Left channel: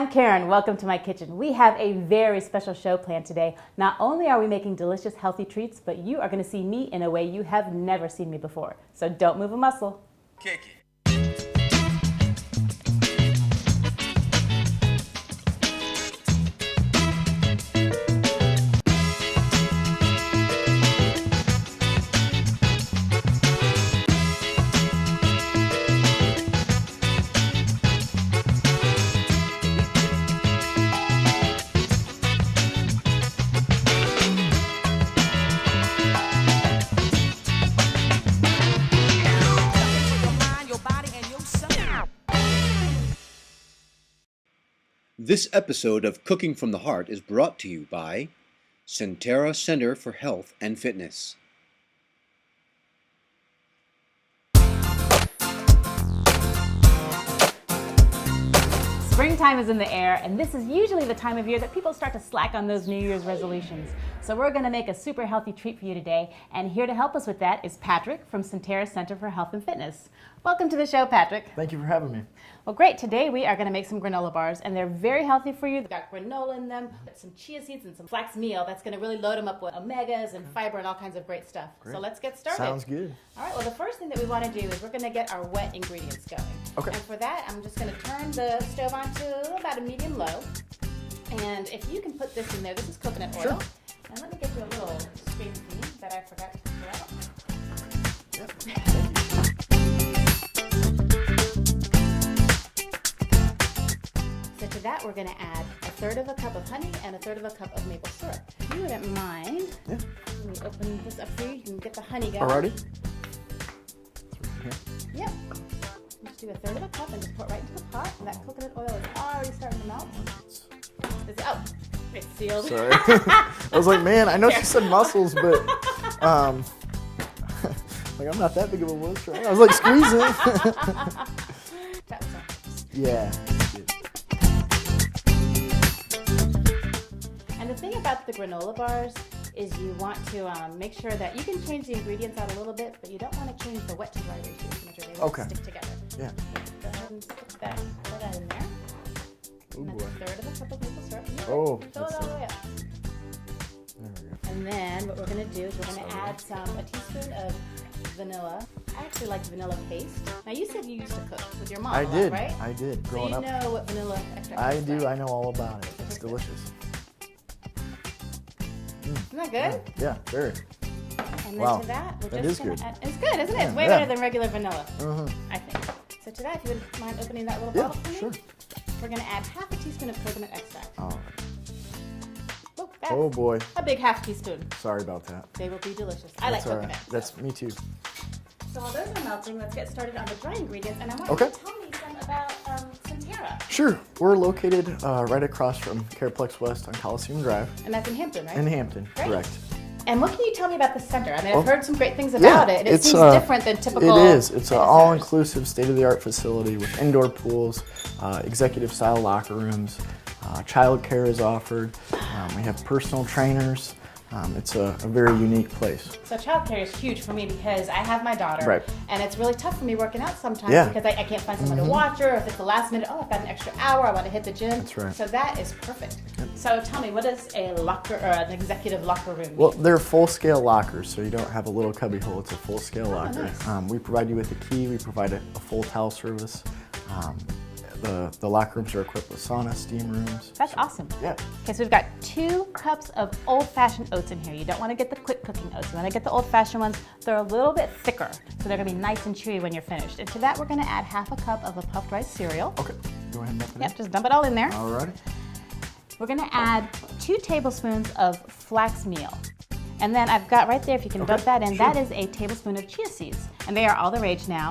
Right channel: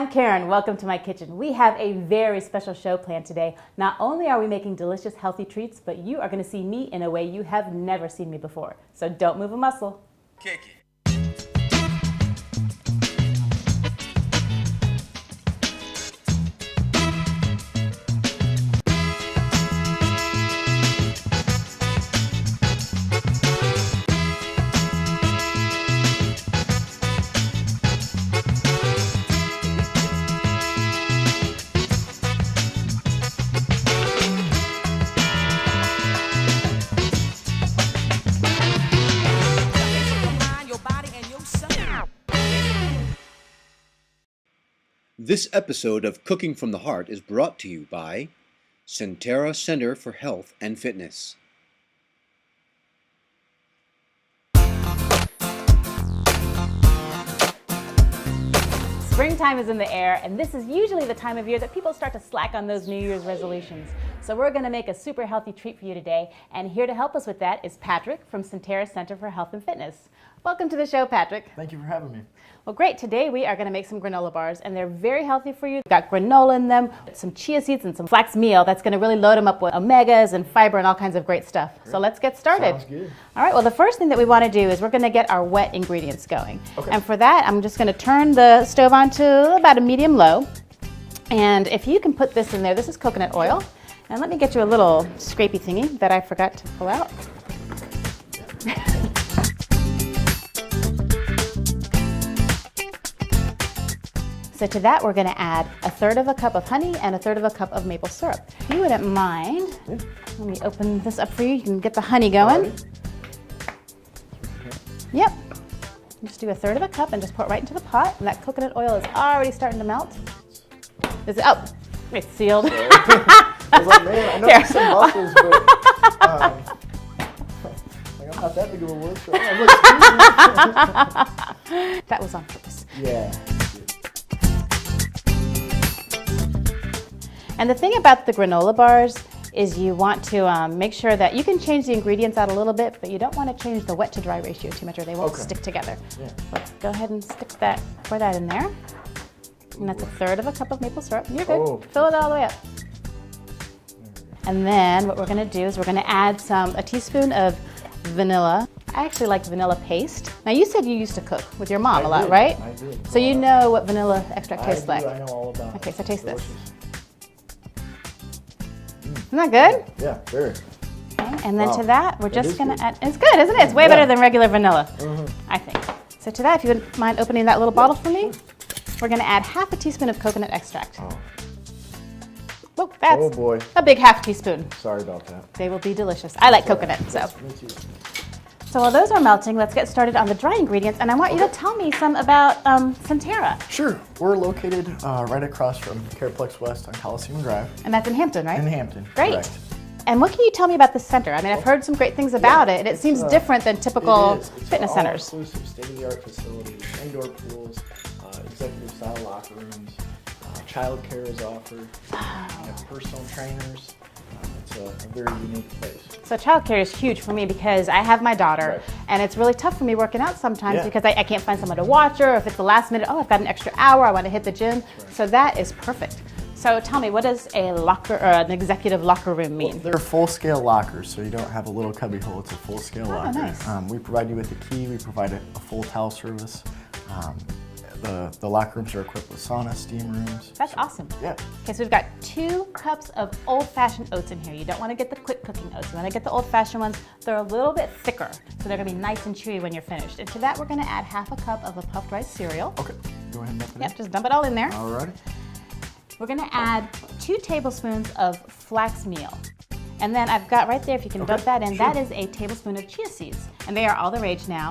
I'm Karen. Welcome to my kitchen. We have a very special show planned today. Not only are we making delicious, healthy treats, but you are going to see me in a way you have never seen me before. So don't move a muscle. Kick it. This episode of Cooking from the Heart is brought to you by Sentara Center for Health and Fitness. Springtime is in the air, and this is usually the time of year that people start to slack on those New Year's resolutions. So we're going to make a super healthy treat for you today, and here to help us with that is Patrick from Sentara Center for Health and Fitness. Welcome to the show, Patrick. Thank you for having me. Well, great. Today we are going to make some granola bars, and they're very healthy for you. They've got granola in them, some chia seeds, and some flax meal. That's going to really load them up with omegas and fiber and all kinds of great stuff. So let's get started. Sounds good. All right, well, the first thing that we want to do is we're going to get our wet ingredients going. Okay. And for that, I'm just going to turn the stove on to about a medium low. And if you can put this in there, this is coconut oil. And let me get you a little scrapey thingy that I forgot to pull out. So to that, we're going to add 1/3 of a cup of honey and 1/3 of a cup of maple syrup. If you wouldn't mind, let me open this up for you. You can get the honey going. Yep. Just do 1/3 of a cup and just pour it right into the pot. And that coconut oil is already starting to melt. Oh, it's sealed. I was like, man, I know you said muscles, but like I'm not that big of a worker. I was like, squeeze it. That was on purpose. Yeah. And the thing about the granola bars is you want to make sure that you can change the ingredients out a little bit, but you don't want to change the wet to dry ratio too much or they won't stick together. Yeah. Go ahead and pour that in there. And that's 1/3 of a cup of maple syrup. You're good. Oh, Fill it all the way up. And then what we're going to do is we're going to add a teaspoon of vanilla. I actually like vanilla paste. Now you said you used to cook with your mom a lot, right? I did. So you know what vanilla extract tastes like. I know all about it. Okay, so taste this. Delicious. Isn't that good? Yeah, sure. Okay, and then Wow. to that, we're just is going good. to add, it's good, isn't it? It's way better than regular vanilla, Mm-hmm. I think. So to that, if you wouldn't mind opening that little bottle for me, we're going to add 1/2 teaspoon of coconut extract. Oh, that's Oh boy. a big 1/2 teaspoon. Sorry about that. They will be delicious. I like coconut, so. Yes, me too. So while those are melting, let's get started on the dry ingredients, and I want you to tell me some about Sentara. Sure. We're located right across from Careplex West on Coliseum Drive And that's in Hampton, right? in Hampton. Great. Correct. And what can you tell me about the center? I mean, I've heard some great things about it, and it seems different than typical It is. It's an fitness centers. all-inclusive, state-of-the-art facility with indoor pools, executive-style locker rooms. Childcare is offered. We have personal trainers. It's a very unique place. So childcare is huge for me because I have my daughter, Right. and it's really tough for me working out sometimes Yeah. because I can't find someone to watch her, or if it's the last minute, I've got an extra hour, I want to hit the gym. That's right. So that is perfect. So tell me, what does a locker or an executive locker room mean? Well, they're full-scale lockers, so you don't have a little cubby hole. It's a full-scale locker. nice. We provide you with a key. We provide a full towel service. The locker rooms are equipped with sauna, steam rooms. That's awesome. Yeah. Okay, so we've got 2 cups of old-fashioned oats in here. You don't want to get the quick cooking oats. You want to get the old-fashioned ones. They're a little bit thicker, so they're going to be nice and chewy when you're finished. And to that, we're going to add 1/2 cup of a puffed rice cereal. Okay. Go ahead and dump it Yep, just dump it all in there. in. Alrighty. We're going to add 2 tablespoons of flax meal. And then I've got right there, if you can dump that in, sure. that is a tablespoon of chia seeds. And they are all the rage now.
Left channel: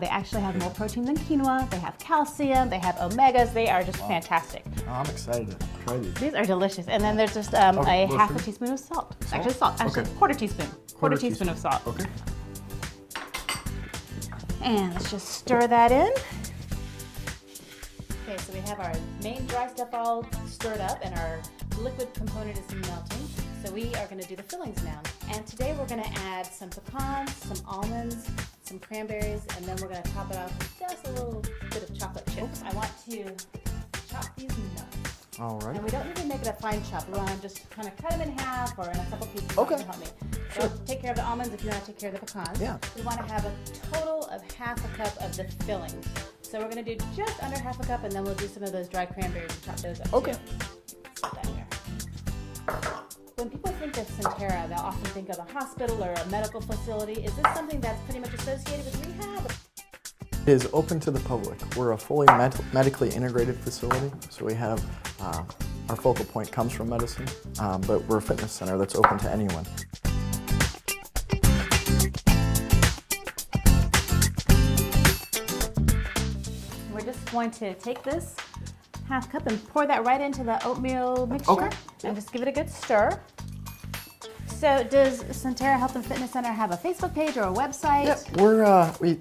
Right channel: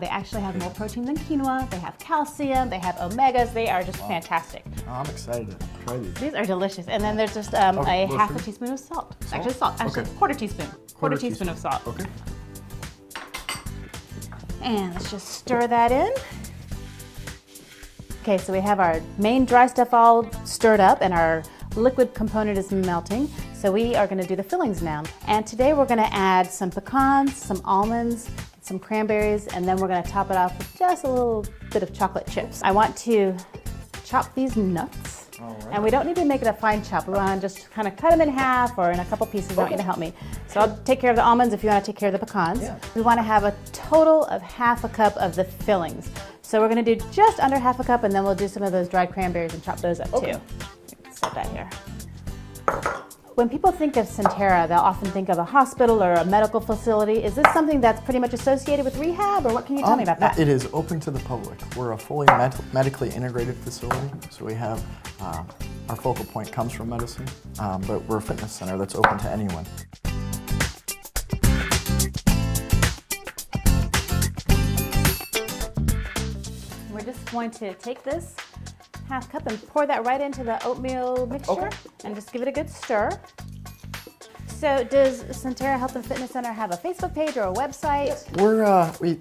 They actually have more protein than quinoa. They have calcium. They have omegas. They are just fantastic. Oh, I'm excited to try these. These are delicious. And then there's just a Okay, what 1/2 for you? teaspoon of salt. Salt? Actually, salt. Actually, Okay. quarter teaspoon. Quarter teaspoon of salt. Okay. And let's just stir that in. Okay, so we have our main dry stuff all stirred up and our liquid component is melting. So we are going to do the fillings now. And today we're going to add some pecans, some almonds, some cranberries, and then we're going to top it off with just a little bit of chocolate chips. I want to chop these nuts. All right. And we don't need to make it a fine chop. We want to just kind of cut them in half or in a couple pieces. You want you to help me. So I'll take care of the almonds if you want to take care of the pecans. Yeah. We want to have a total of half a cup of the fillings. So we're going to do just under half a cup, and then we'll do some of those dried cranberries and chop those up too. Set that here. When people think of Sentara, they'll often think of a hospital or a medical facility. Is this something that's pretty much associated with rehab, or what can you tell me about that? It is open to the public. We're a fully medically integrated facility, so we have our focal point comes from medicine, but we're a fitness center that's open to anyone. We're just going to take this half cup and pour that right into the oatmeal mixture and just give it a good stir. So does Sentara Health and Fitness Center have a Facebook page or a website? Yep. We're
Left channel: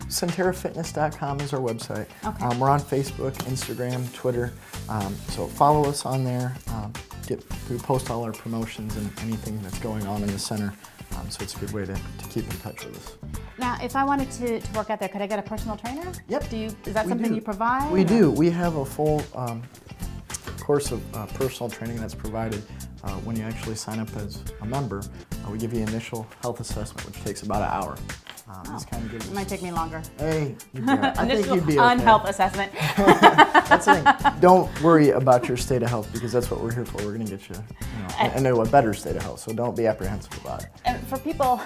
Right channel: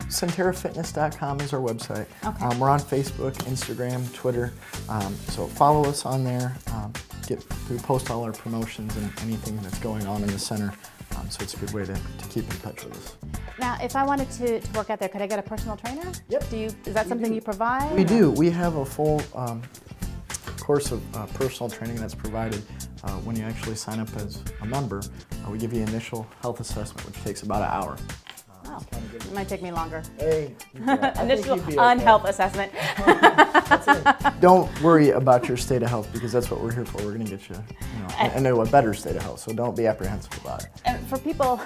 sentarafitness.com is our website. Okay. We're on Facebook, Instagram, Twitter. So follow us on there. We post all our promotions and anything that's going on in the center. So it's a good way to keep in touch with us. Now, if I wanted to work out there, could I get a personal trainer? Yep. Is that something you provide? We do. We have a full course of personal training that's provided when you actually sign up as a member. We give you an initial health assessment, which takes about an hour. It might take me longer. Hey, Initial unhealth assessment. Don't worry about your state of health, because that's what we're here for. We're going to get you, into a better state of health. So don't be apprehensive about it. And for people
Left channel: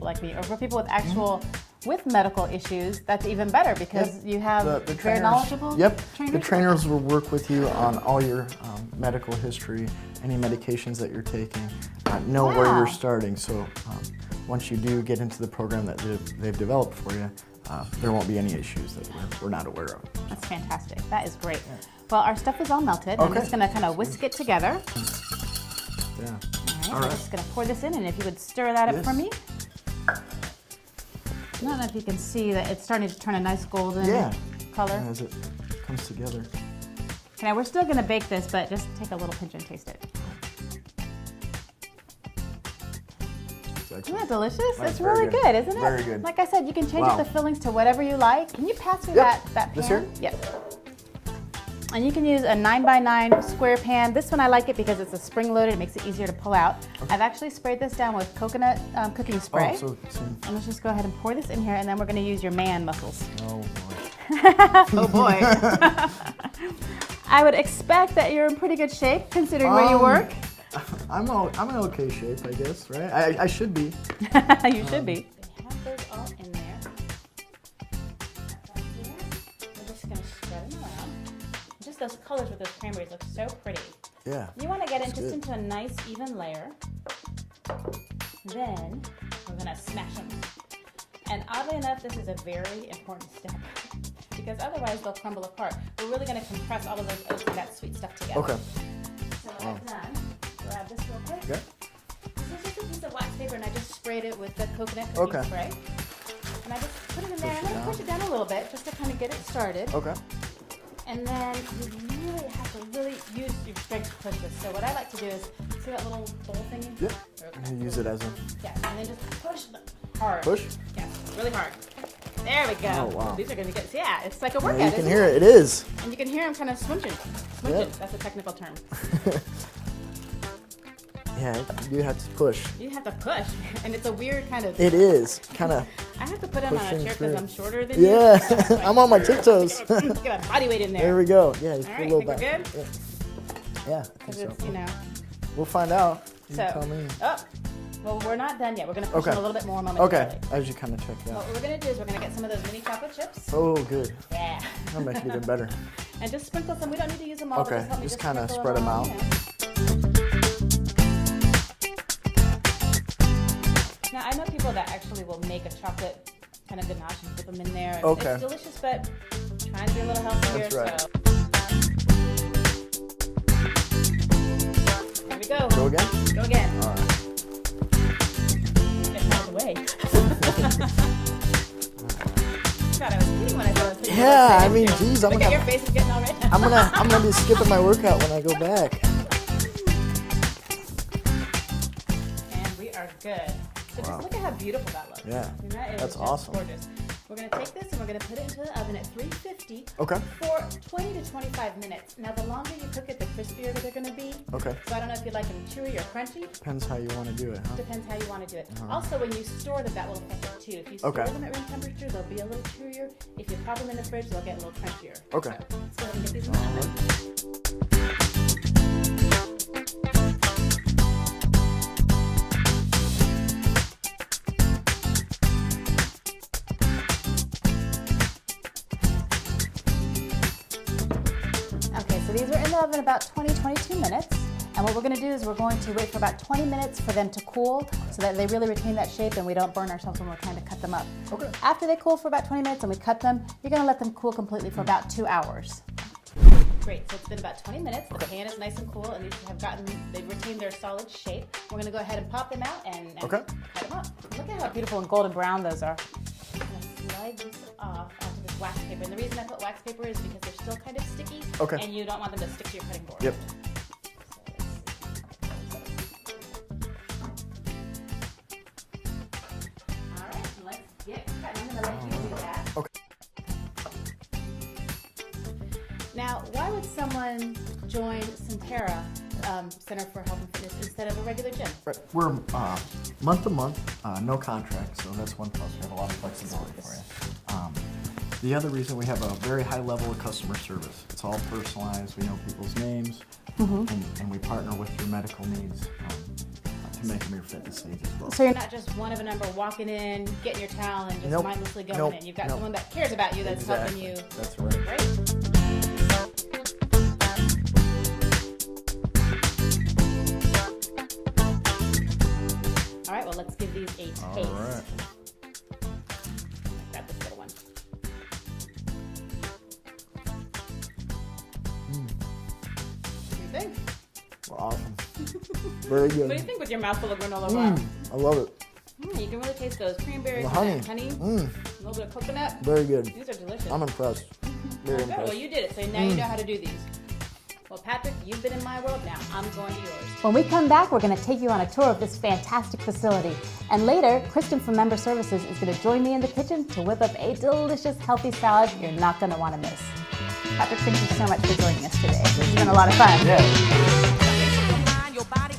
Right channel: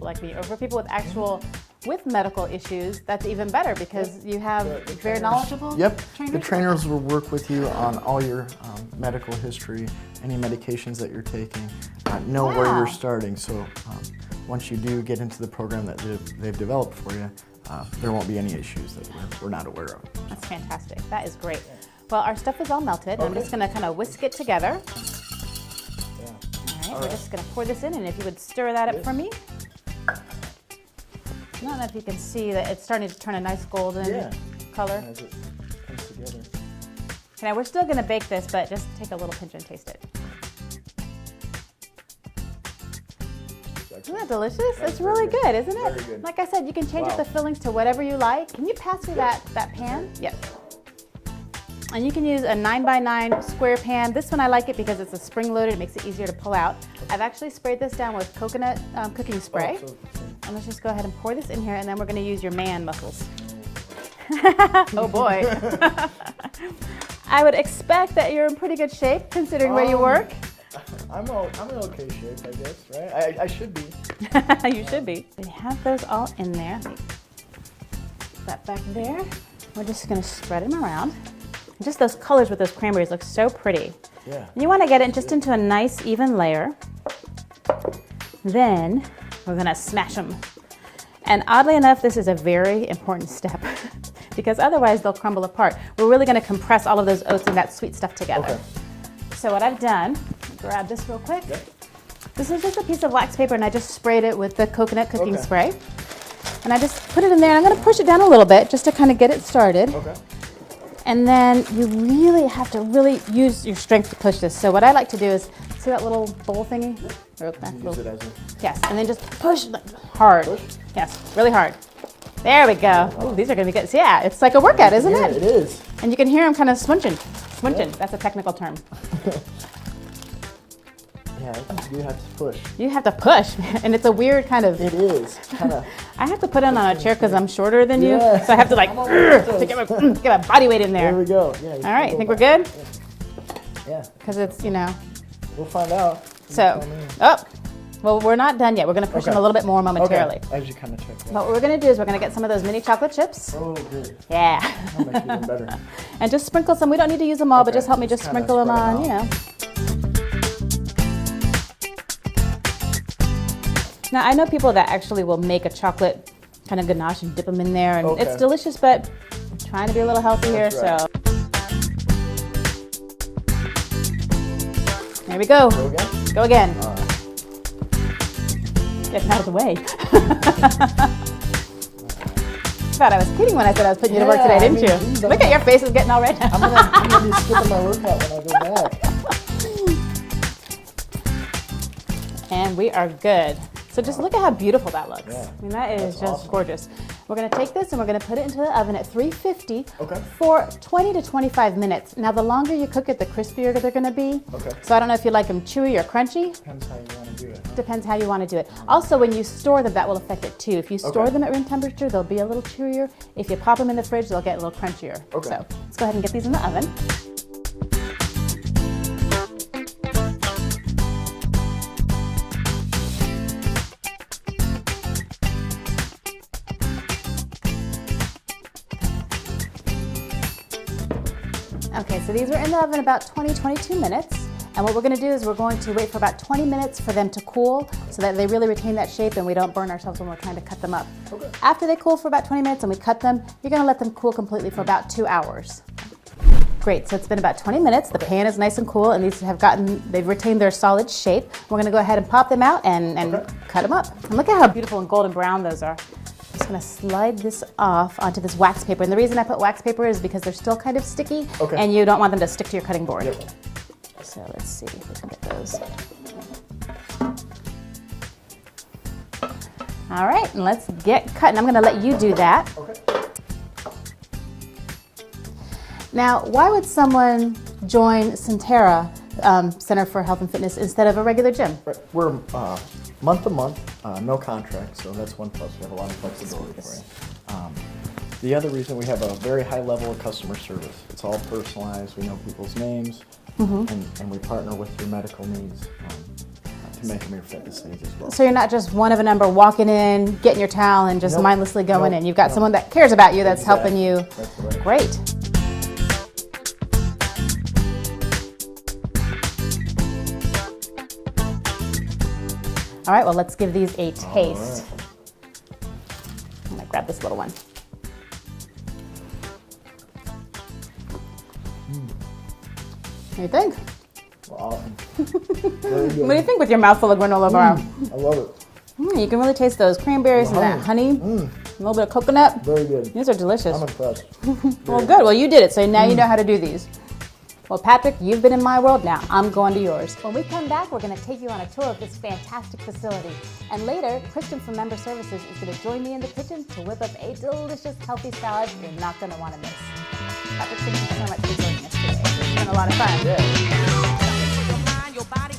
like me, or for people with medical issues, that's even better, because you have very knowledgeable trainers. The trainers will work with you on all your medical history, any medications that you're taking, know where you're starting. So once you do get into the program that they've developed for you, there won't be any issues that we're not aware of. That's fantastic. That is great. Well, our stuff is all melted. I'm just going to kind of whisk it together. All right, we're just going to pour this in, and if you would stir that up for me. I don't know if you can see that it's starting to turn a nice golden color. As it comes together. Okay, now we're still going to bake this, but just take a little pinch and taste it. Isn't that delicious? It's really good, isn't it? Very good. Like I said, you can change up the fillings to whatever you like. Can you pass me that pan? Yep. And you can use a 9x9 square pan. This one I like it because it's a spring-loaded. It makes it easier to pull out. I've actually sprayed this down with coconut cooking spray. And let's just go ahead and pour this in here, and then we're going to use your man muscles. Oh boy. I would expect that you're in pretty good shape considering where you work. I'm in okay shape, I guess, right? I should be. You should be. We have those all in there. Put that back there. We're just going to spread them around. Just those colors with those cranberries look so pretty. Yeah. You want to get it just into a nice even layer. Then we're going to smash them. And oddly enough, this is a very important step because otherwise they'll crumble apart. We're really going to compress all of those oats and that sweet stuff together. Okay. So what I've done, grab this real quick. This is just a piece of wax paper, and I just sprayed it with the coconut cooking spray. And I just put it in there, and I'm going to push it down a little bit just to kind of get it started. Okay. And then you really have to use your strength to push this. So what I like to do is, see that little bowl thingy? Yeah. Use it as a... Yes, and then just push hard. Yes, really hard. There we go. Wow. Ooh, these are going to be good. So yeah, it's like a workout, isn't it? Yeah, it is. And you can hear them kind of swinching. Swinching, that's a technical term. Yeah, you have to push. You have to push, and it's a weird kind of... It is, kind of... I have to put it on a chair because I'm shorter than you, so I have to like... I'm on my tiptoes. Get my body weight in there. There we go. Yeah. All right, think we're good? Yeah. Because it's, We'll find out. So, well, we're not done yet. We're going to push them a little bit more momentarily. Okay, as you kind of check. What we're going to do is we're going to get some of those mini chocolate chips. Oh, good. Yeah. That'll make it even better. And just sprinkle some. We don't need to use them all, but just help me just sprinkle them on, Now, I know people that actually will make a chocolate kind of ganache and dip them in there, and it's delicious, but I'm trying to be a little healthier, so. There we go. Go again. Get out of the way. God, I was kidding when I said I was putting you to work today, didn't you? Look at your face is getting all red. I'm gonna be skipping my workout when I go back. And we are good. So just look at how beautiful that looks. Yeah. I mean, that is That's just awesome. gorgeous. We're gonna take this and we're gonna put it into the oven at 350 Okay. for 20 to 25 minutes. Now, the longer you cook it, the crispier they're gonna be. Okay. So I don't know if you like them chewy or crunchy. Depends how you want to do it. Huh? Depends how you want to do it. Also, when you store them, that will affect it too. If you store Okay. them at room temperature, they'll be a little chewier. If you pop them in the fridge, they'll get a little crunchier. Okay. So let's go ahead and get these in the oven. Okay, so these were in the oven about 20-22 minutes. And what we're going to do is we're going to wait for about 20 minutes for them to cool so that they really retain that shape and we don't burn ourselves when we're trying to cut them up. Okay. After they cool for about 20 minutes and we cut them, you're going to let them cool completely for about 2 hours. Great, so it's been about 20 minutes. The pan is nice and cool and they've retained their solid shape. We're going to go ahead and pop them out and cut them up. And look at how beautiful and golden brown those are. I'm just going to slide this off onto this wax paper. And the reason I put wax paper is because they're still kind of sticky and you don't want them to stick to your cutting board. Yep. So let's see if we can get those. All right, and let's get cutting. I'm going to let you do that. Okay. Now, why would someone join Sentara Center for Health and Fitness instead of a regular gym? Right. We're month to month, no contract, so that's one plus. We have a lot of flexibility for you. The other reason, we have a very high level of customer service. It's all personalized. We know people's names, and we partner with your medical needs to make them your fitness needs as well. So you're not just one of a number walking in, getting your towel, and just Nope. mindlessly going Nope. in. You've got Nope. someone that cares about you that's Exactly. helping you. That's right. Great. All right, well, let's give these a taste. I'm gonna grab this little one. What do you think? Awesome. Very good. What do you think with your mouth full of granola bar? I love it. You can really taste those cranberries and that honey, a little bit of coconut. Very good. These are delicious. I'm impressed. Well, good. Well, you did it, so now you know how to do these. Well, Patrick, you've been in my world now. I'm going to yours. When we come back, we're going to take you on a tour of this fantastic facility. And later, Kristen from Member Services is going to join me in the kitchen to whip up a delicious, healthy salad you're not going to want to miss. Patrick, thank you so much for joining us today. It's been a lot of fun. Yeah. Your mind, your body,